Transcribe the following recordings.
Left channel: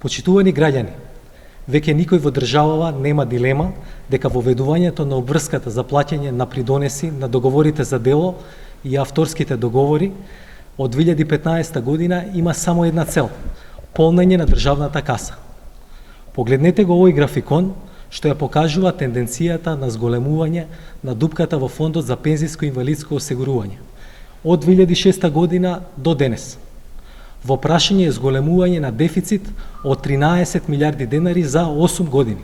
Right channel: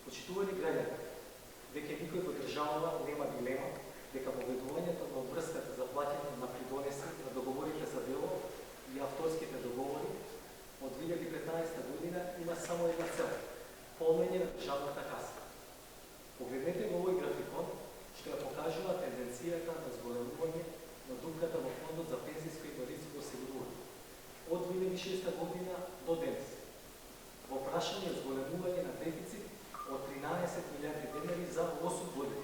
Почитувани граѓани, веќе никој во државава нема дилема дека воведувањето на обврската за плаќање на придонеси на договорите за дело и авторските договори од 2015 година има само една цел – полнење на државната каса. Погледнете го овој графикон, што ја покажува тенденцијата на зголемување на дупката во Фондот за пензиско и инвалидско осигурување од 2006 година до денес. Во прашање е зголемување на дефицит од 13 милиарди денари за 8 години.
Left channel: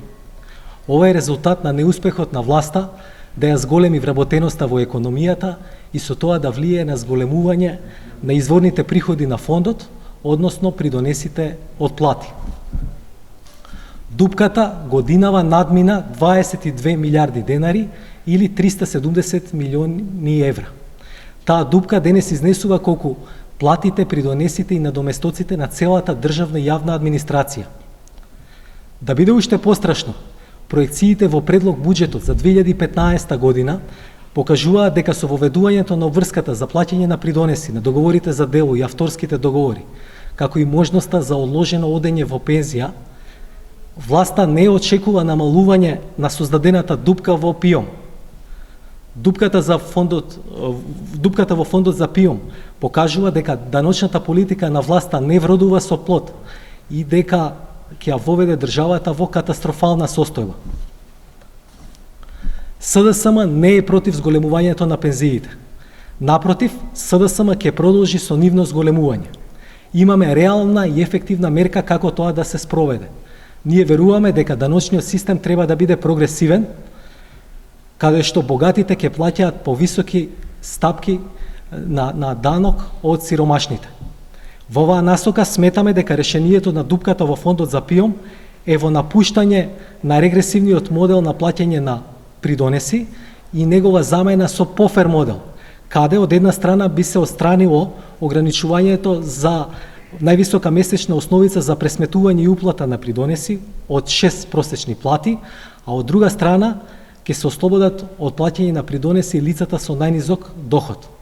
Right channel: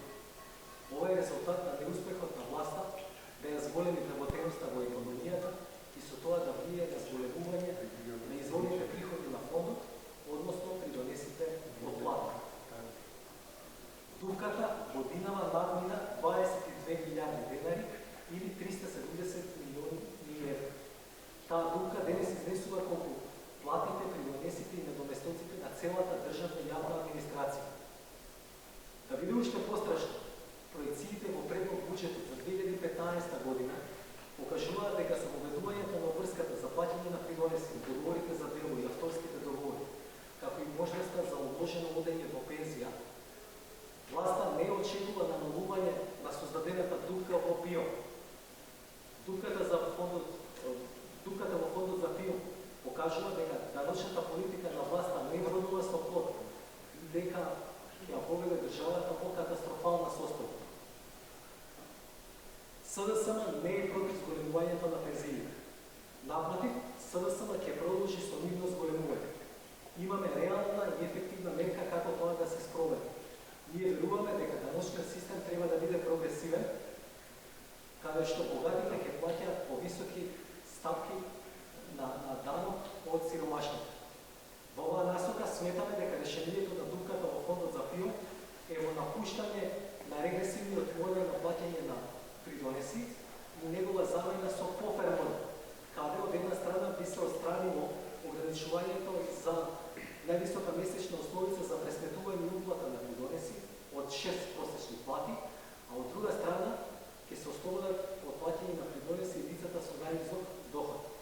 Ова е резултат на неуспехот на власта да ја зголеми вработеноста во економијата и со тоа да влие на зголемување на изворните приходи на фондот, односно придонесите од плати. Дупката годинава надмина 22 милиарди денари или 370 милиони евра. Таа дупка денес изнесува колку платите, придонесите и надоместоците на целата државна и јавна администрација. Да биде уште пострашно, проекциите во предлог буџетот за 2015 година покажуваат дека со воведувањето на обврската за плаќање на придонеси, на договорите за дело и авторските договори, како и можноста за одложено одење во пензија, власта не очекува намалување на создадената дупка во ПИОМ. Дупката во фондот за ПИОМ покажува дека даночната политика на власта не вродува со плод и дека ќе ја воведе државата во катастрофална состојба. СДСМ не е против зголемувањето на пензиите. Напротив, СДСМ ќе продолжи со нивно зголемување. Имаме реална и ефективна мерка како тоа да се спроведе. Ние веруваме дека даночниот систем треба да биде прогресивен, каде што богатите ќе плаќаат повисоки стапки на данок од сиромашните. Во оваа насока сметаме дека решението на дупката во фондот за ПИОМ е во напуштање на регресивниот модел на плаќање на придонеси и негова замена со пофер модел, каде од една страна би се отстранило ограничувањето за највисока месечна основица за пресметување и уплата на придонеси од 6 просечни плати, а од друга страна ќе се ослободат од плаќање на придонеси лицата со најнизок доход.